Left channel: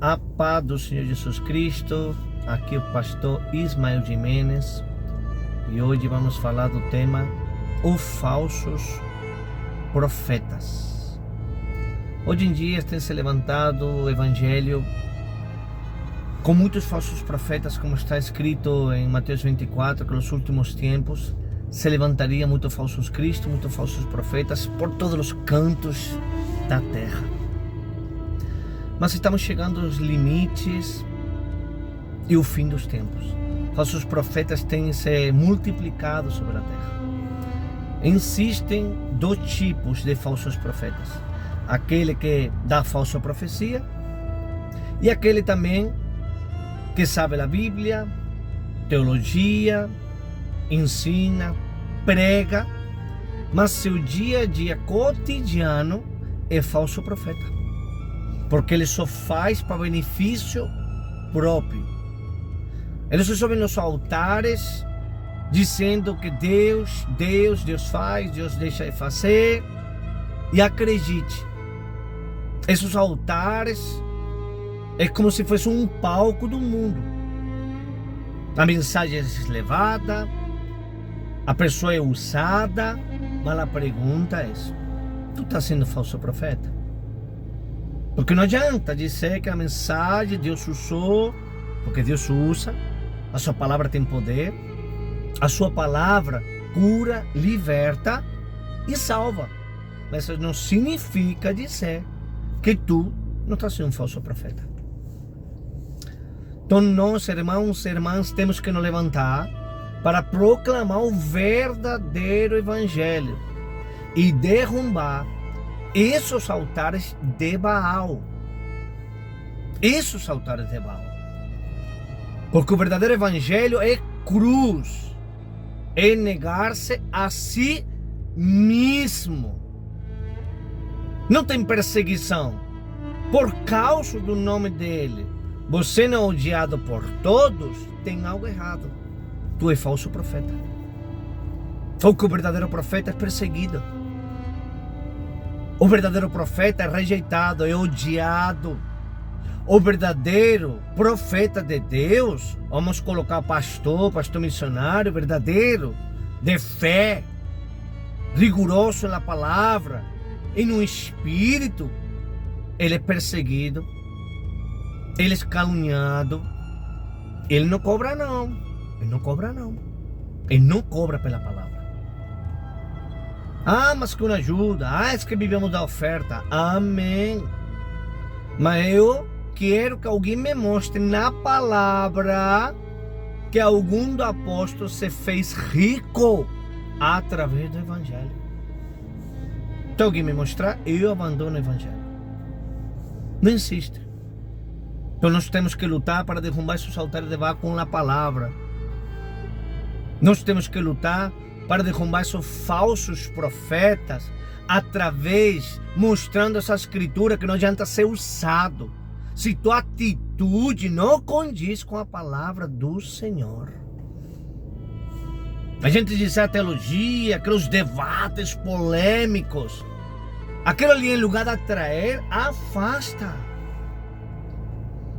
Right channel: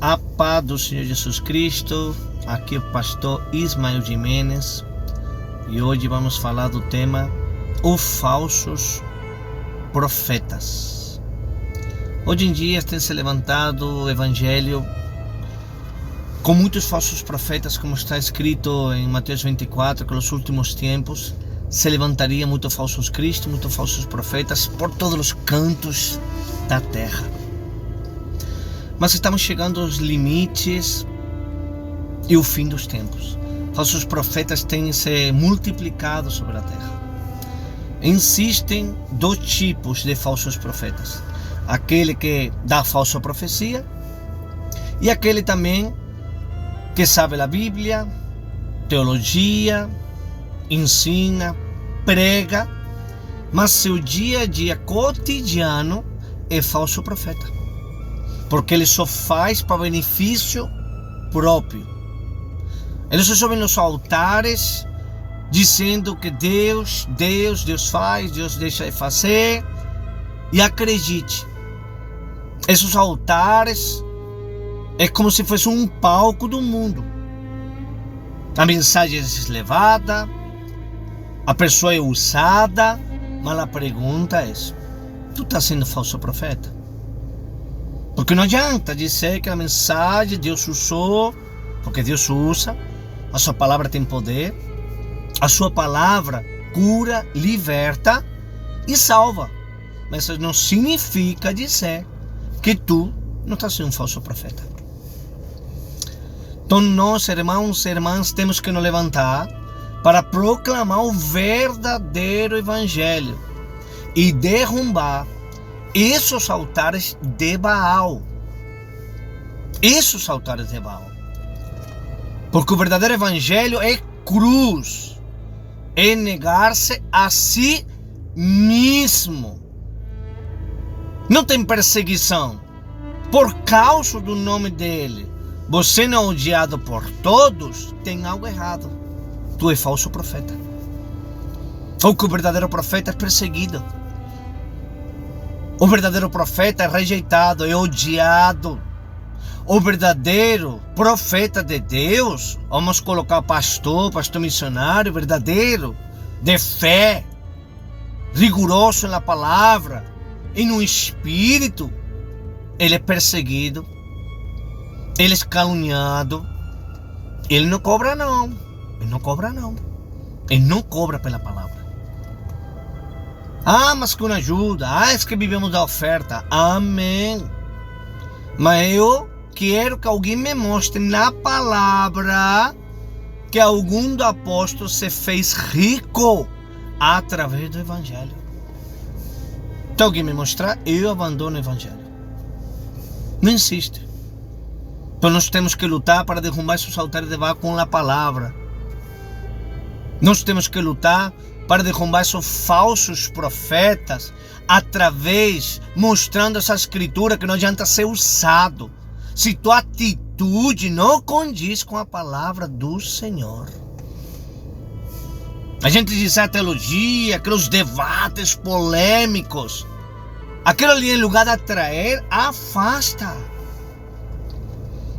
A paz do Senhor Jesus Cristo. Aqui é o pastor Ismael Jimenez e hoje vamos falar do tema os falsos profetas. Hoje em dia tem se levantado o evangelho com muitos falsos profetas, como está escrito em Mateus 24, que nos últimos tempos se levantaria muitos falsos cristos, muitos falsos profetas por todos os cantos da terra. Mas estamos chegando aos limites e o fim dos tempos. Falsos profetas têm se multiplicado sobre a terra. Existem dois tipos de falsos profetas: aquele que dá falsa profecia e aquele também que sabe a Bíblia, teologia, ensina, prega, mas seu dia a dia cotidiano é falso profeta, porque ele só faz para benefício próprio. Ele só sobe nos altares dizendo que Deus faz, Deus deixa de fazer. E acredite, esses altares é como se fosse um palco do mundo. A mensagem é levada, a pessoa é usada, mas a pergunta é: tu está sendo falso profeta? Porque não adianta dizer que a mensagem Deus usou, porque Deus usa, a sua palavra tem poder, a sua palavra cura, liberta e salva. Mas isso não significa dizer que tu não está sendo um falso profeta. Então nós, irmãos e irmãs, temos que nos levantar para proclamar o verdadeiro evangelho e derrubar esses altares de Baal. Esses altares de Baal. Porque o verdadeiro evangelho é cruz. É negar-se a si mesmo. Não tem perseguição. Por causa do nome dele, você não é odiado por todos, tem algo errado. Tu é falso profeta. Ou que o verdadeiro profeta é perseguido. O verdadeiro profeta é rejeitado, é odiado. O verdadeiro profeta de Deus, vamos colocar pastor missionário, verdadeiro, de fé, rigoroso na palavra e no espírito, ele é perseguido, ele é caluniado, ele não cobra não, ele não cobra não, ele não cobra pela palavra. Ah, mas com ajuda, é que vivemos da oferta, amém. Mas eu quero que alguém me mostre na palavra que algum do apóstolo se fez rico através do evangelho. Então alguém me mostrar, eu abandono o evangelho. Não insiste. Então nós temos que lutar para derrubar esses altares de Baal com a palavra. Nós temos que lutar para derrubar esses falsos profetas através, mostrando essa escritura que não adianta ser usado se tua atitude não condiz com a palavra do Senhor. A gente diz a teologia, aqueles debates polêmicos, aquilo ali em lugar de atrair, afasta.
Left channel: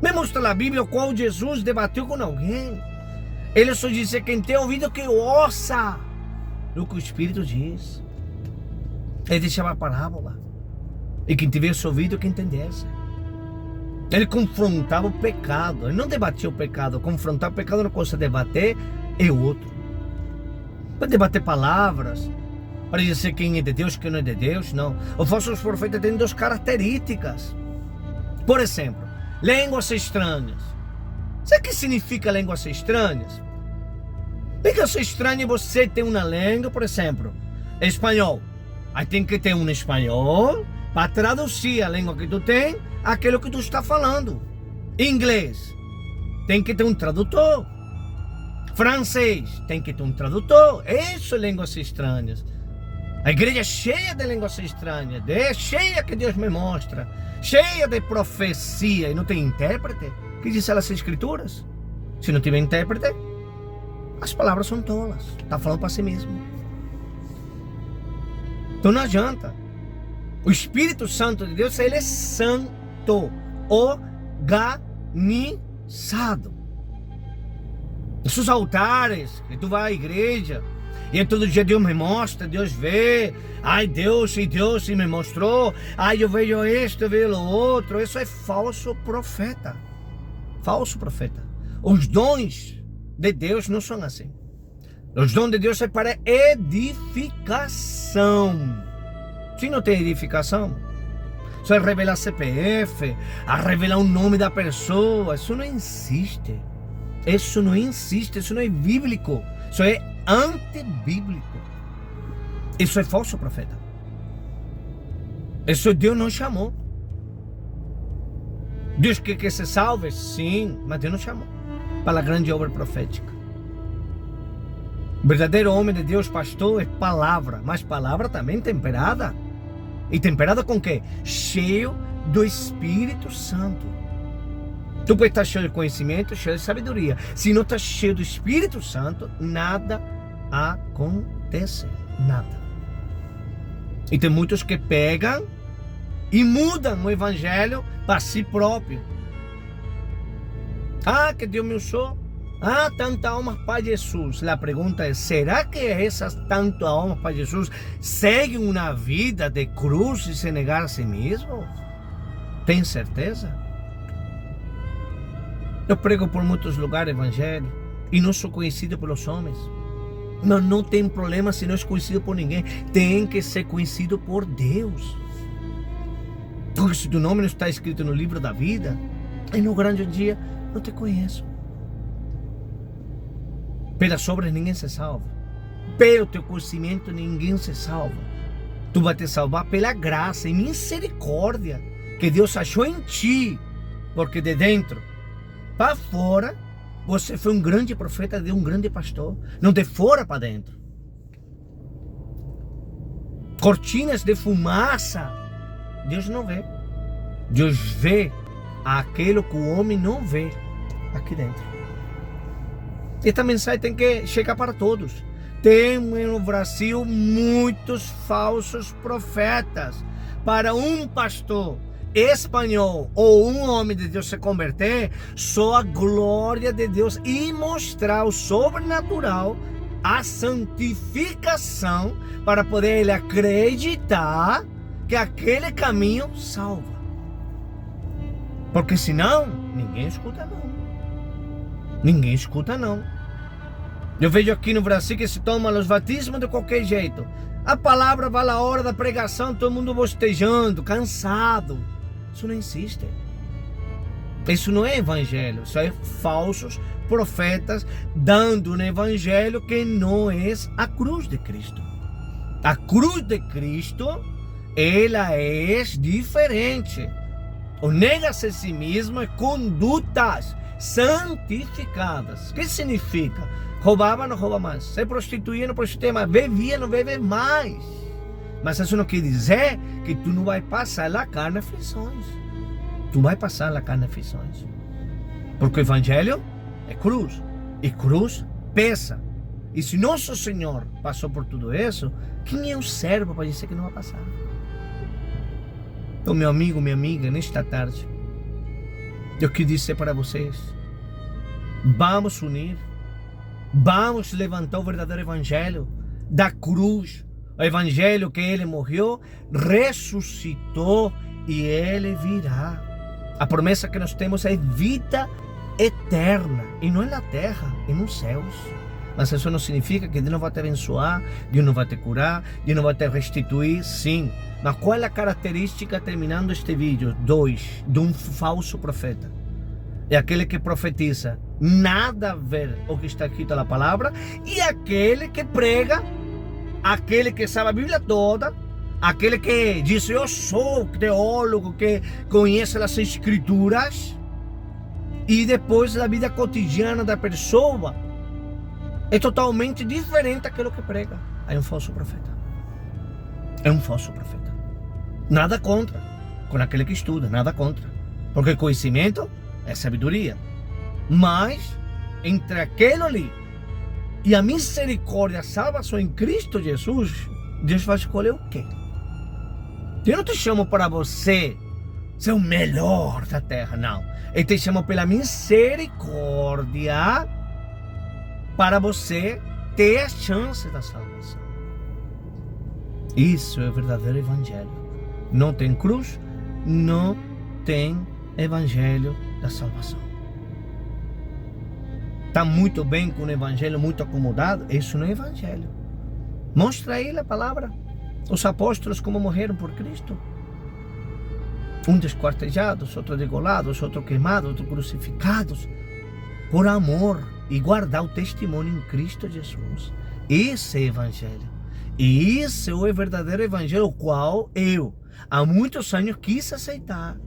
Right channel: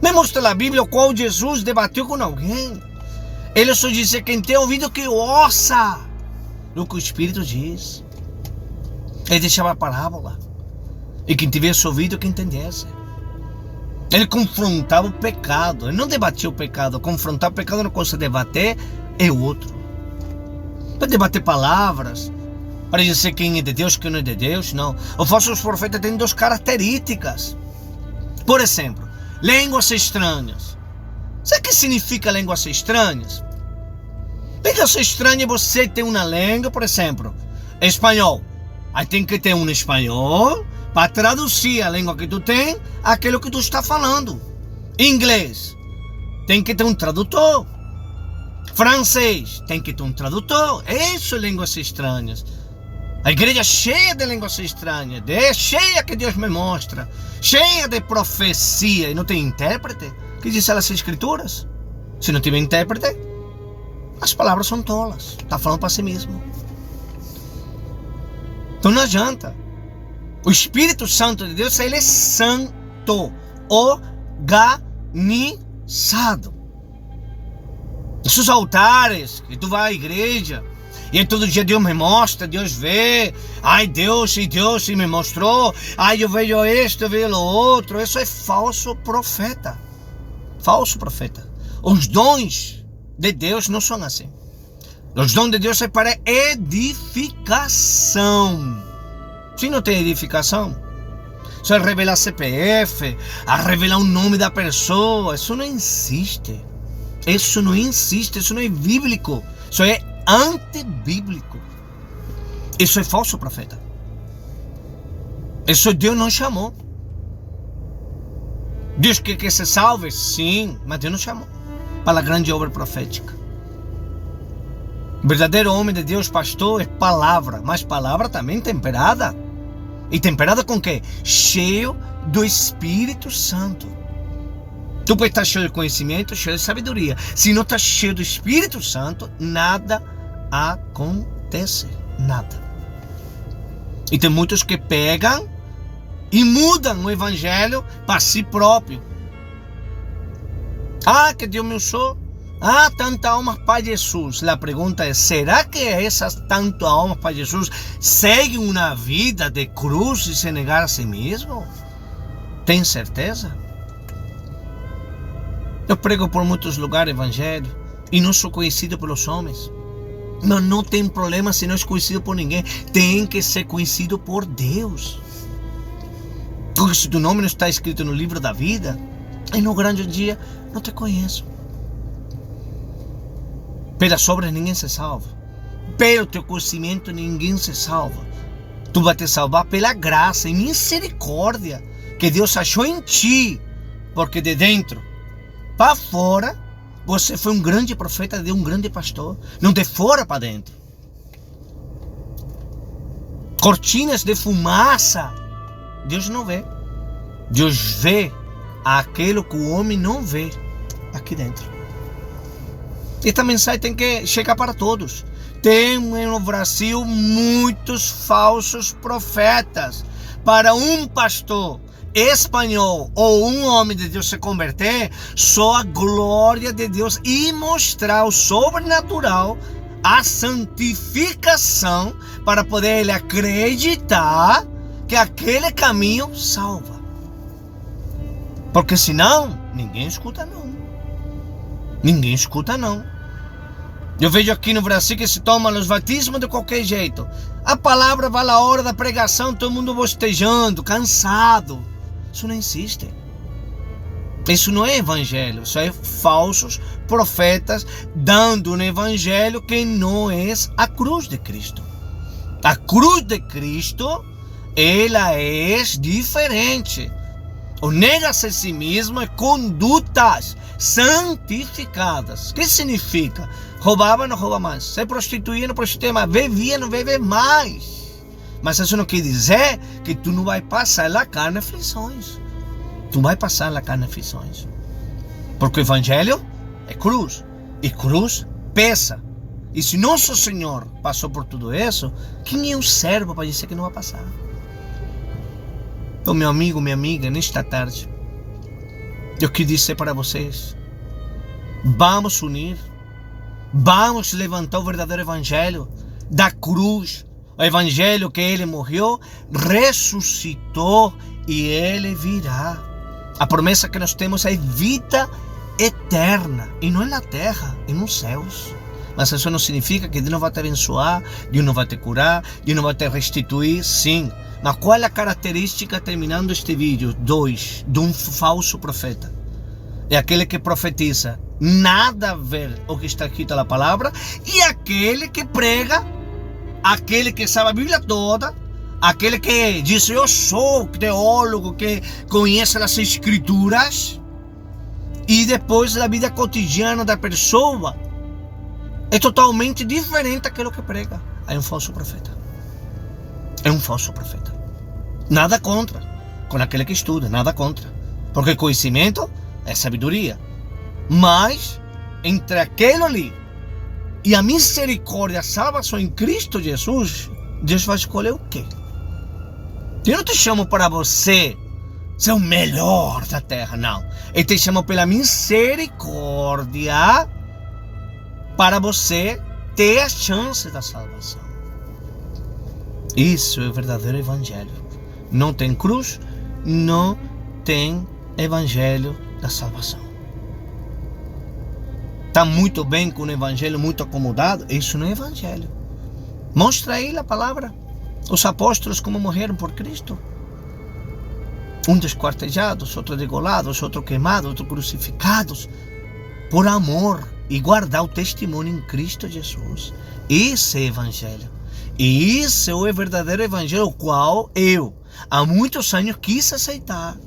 Me mostra a Bíblia qual Jesus debateu com alguém. Ele só disse: quem tem ouvido que ouça o que o Espírito diz. Ele deixava a parábola, e quem tivesse ouvido que entendesse. Ele confrontava o pecado, ele não debatia o pecado. Confrontar o pecado não coisa, debater é outro. Para debater palavras, para dizer quem é de Deus, quem não é de Deus, não. Os falsos profetas têm duas características. Por exemplo, línguas estranhas. Sabe o que significa línguas estranhas? Línguas estranhas, você tem uma língua, por exemplo, espanhol. Aí tem que ter um espanhol para traduzir a língua que tu tem aquilo que tu está falando. Inglês, tem que ter um tradutor. Francês, tem que ter um tradutor. Isso é línguas estranhas. A igreja é cheia de línguas estranhas, cheia que Deus me mostra, cheia de profecia, e não tem intérprete. Que diz as escrituras? Se não tiver intérprete, as palavras são tolas. Está falando para si mesmo. Então não adianta. O Espírito Santo de Deus, ele é santo. O organizado. Esses altares que tu vai à igreja e todo dia Deus me mostra, Deus vê, ai Deus me mostrou, ai eu vejo isto, eu vejo o outro. Isso é falso profeta. Falso profeta. Os dons de Deus não são assim. Os dons de Deus é para edificação. Se não tem edificação, só é revelar CPF, a revelar o nome da pessoa, isso não existe. Isso não existe, isso não é bíblico. Isso é antibíblico. Isso é falso profeta. Isso Deus não chamou. Deus quer que se salve? Sim, mas Deus não chamou para a grande obra profética. O verdadeiro homem de Deus, pastor, é palavra, mas palavra também temperada. E temperada com quê? Cheio do Espírito Santo. Tu pode estar cheio de conhecimento, cheio de sabedoria. Se não está cheio do Espírito Santo, nada acontece. Nada. E tem muitos que pegam e mudam o evangelho para si próprio. Ah, que Deus me usou. Ah, tanta alma para Jesus. A pergunta é, será que essas tantas almas para Jesus seguem uma vida de cruz e se negar a si mesmo? Tem certeza? Eu prego por muitos lugares evangelho e não sou conhecido pelos homens. Não tem problema se não é conhecido por ninguém. Tem que ser conhecido por Deus. Porque se teu nome não está escrito no livro da vida, e no grande dia não te conheço. Pelas obras ninguém se salva. Pelo teu conhecimento ninguém se salva. Tu vai te salvar pela graça e misericórdia que Deus achou em ti. Porque de dentro para fora você foi um grande profeta de um grande pastor. Não de fora para dentro. Cortinas de fumaça Deus não vê. Deus vê aquilo que o homem não vê aqui dentro. Esta mensagem tem que chegar para todos. Tem no Brasil muitos falsos profetas. Para um pastor espanhol ou um homem de Deus se converter, só a glória de Deus e mostrar o sobrenatural, a santificação, para poder ele acreditar que aquele caminho salva. Porque senão, ninguém escuta não. Ninguém escuta não. Eu vejo aqui no Brasil que se tomam os batismos de qualquer jeito. A palavra vai na hora da pregação, todo mundo bostejando, cansado. Isso não existe. Isso não é evangelho. Isso é falsos profetas dando um evangelho que não é a cruz de Cristo. A cruz de Cristo, ela é diferente. O nega-se a si mesmo é condutas santificadas. O que significa? Roubava, não rouba mais. Se prostituía, não prostituía mais. Bebia, não bebe mais. Mas isso não quer dizer que tu não vai passar na carne aflições. Tu vai passar na carne aflições. Porque o evangelho é cruz. E cruz pesa. E se nosso Senhor passou por tudo isso, quem é o servo para dizer que não vai passar? Então, meu amigo, minha amiga, nesta tarde, eu quero dizer para vocês, vamos unir, vamos levantar o verdadeiro evangelho da cruz, o evangelho que ele morreu, ressuscitou e ele virá. A promessa que nós temos é vida eterna, e não é na terra, é nos céus. Mas isso não significa que Deus não vai te abençoar, Deus não vai te curar, Deus não vai te restituir, sim. Mas qual é a característica, terminando este vídeo? 2, de um falso profeta. É aquele que profetiza nada a ver o que está escrito na palavra, e aquele que prega, aquele que sabe a Bíblia toda, aquele que diz, eu sou teólogo, que conhece as escrituras, e depois a vida cotidiana da pessoa é totalmente diferente daquilo que prega. É um falso profeta. É um falso profeta. Nada contra com aquele que estuda, nada contra. Porque conhecimento é sabedoria. Mas entre aquele ali e a misericórdia, a salvação em Cristo Jesus, Deus vai escolher o quê? Eu não te chamo para você ser o melhor da terra, não. Ele te chamou pela misericórdia para você ter a chance da salvação. Isso é o verdadeiro evangelho. Não tem cruz, não tem evangelho da salvação. Está muito bem com o evangelho muito acomodado? Isso não é evangelho. Mostra aí a palavra. Os apóstolos como morreram por Cristo. Um desquartejados, outro degolados, outro queimados, outro crucificados. Por amor e guardar o testemunho em Cristo Jesus. Esse é o evangelho. E esse é o verdadeiro evangelho, o qual eu, há muitos anos, quis aceitar.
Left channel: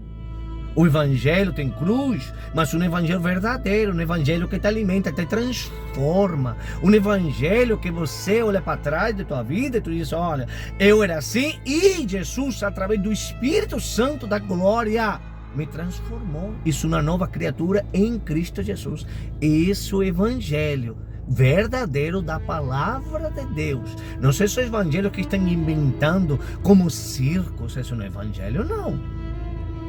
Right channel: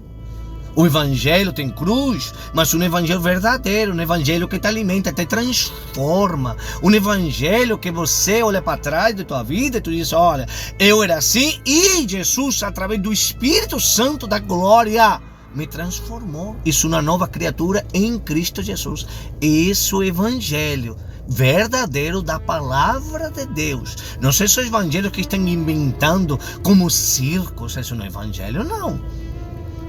O evangelho tem cruz, mas um evangelho verdadeiro, um evangelho que te alimenta, te transforma. Um evangelho que você olha para trás de tua vida e tu diz, olha, eu era assim e Jesus, através do Espírito Santo da glória, me transformou. E sou uma nova criatura em Cristo Jesus. Esse é o evangelho verdadeiro da palavra de Deus. Não sei se é o evangelho que estão inventando como circos, esse não é evangelho, não.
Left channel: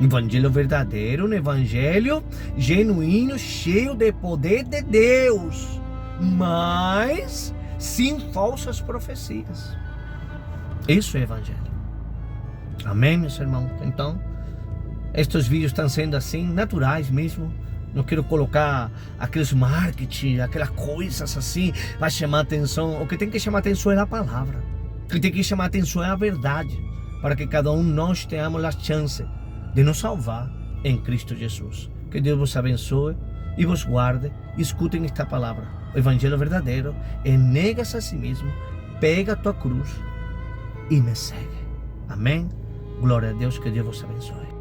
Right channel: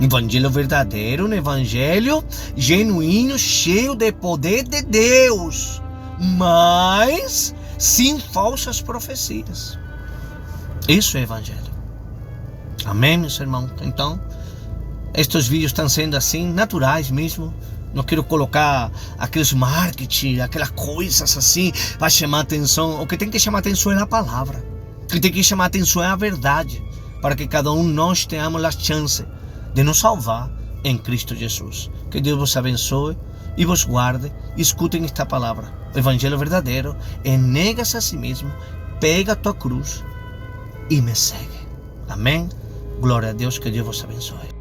Evangelho verdadeiro, um evangelho genuíno, cheio de poder de Deus, mas sem falsas profecias. Isso é evangelho. Amém, meus irmãos? Então, estes vídeos estão sendo assim, naturais mesmo. Não quero colocar aqueles marketing, aquelas coisas assim, para chamar atenção. O que tem que chamar atenção é a palavra. O que tem que chamar atenção é a verdade, para que cada um de nós tenhamos a chance de nos salvar em Cristo Jesus. Que Deus vos abençoe e vos guarde. Escutem esta palavra. O evangelho verdadeiro é nega-se a si mesmo, pega a tua cruz e me segue. Amém? Glória a Deus, que Deus vos abençoe.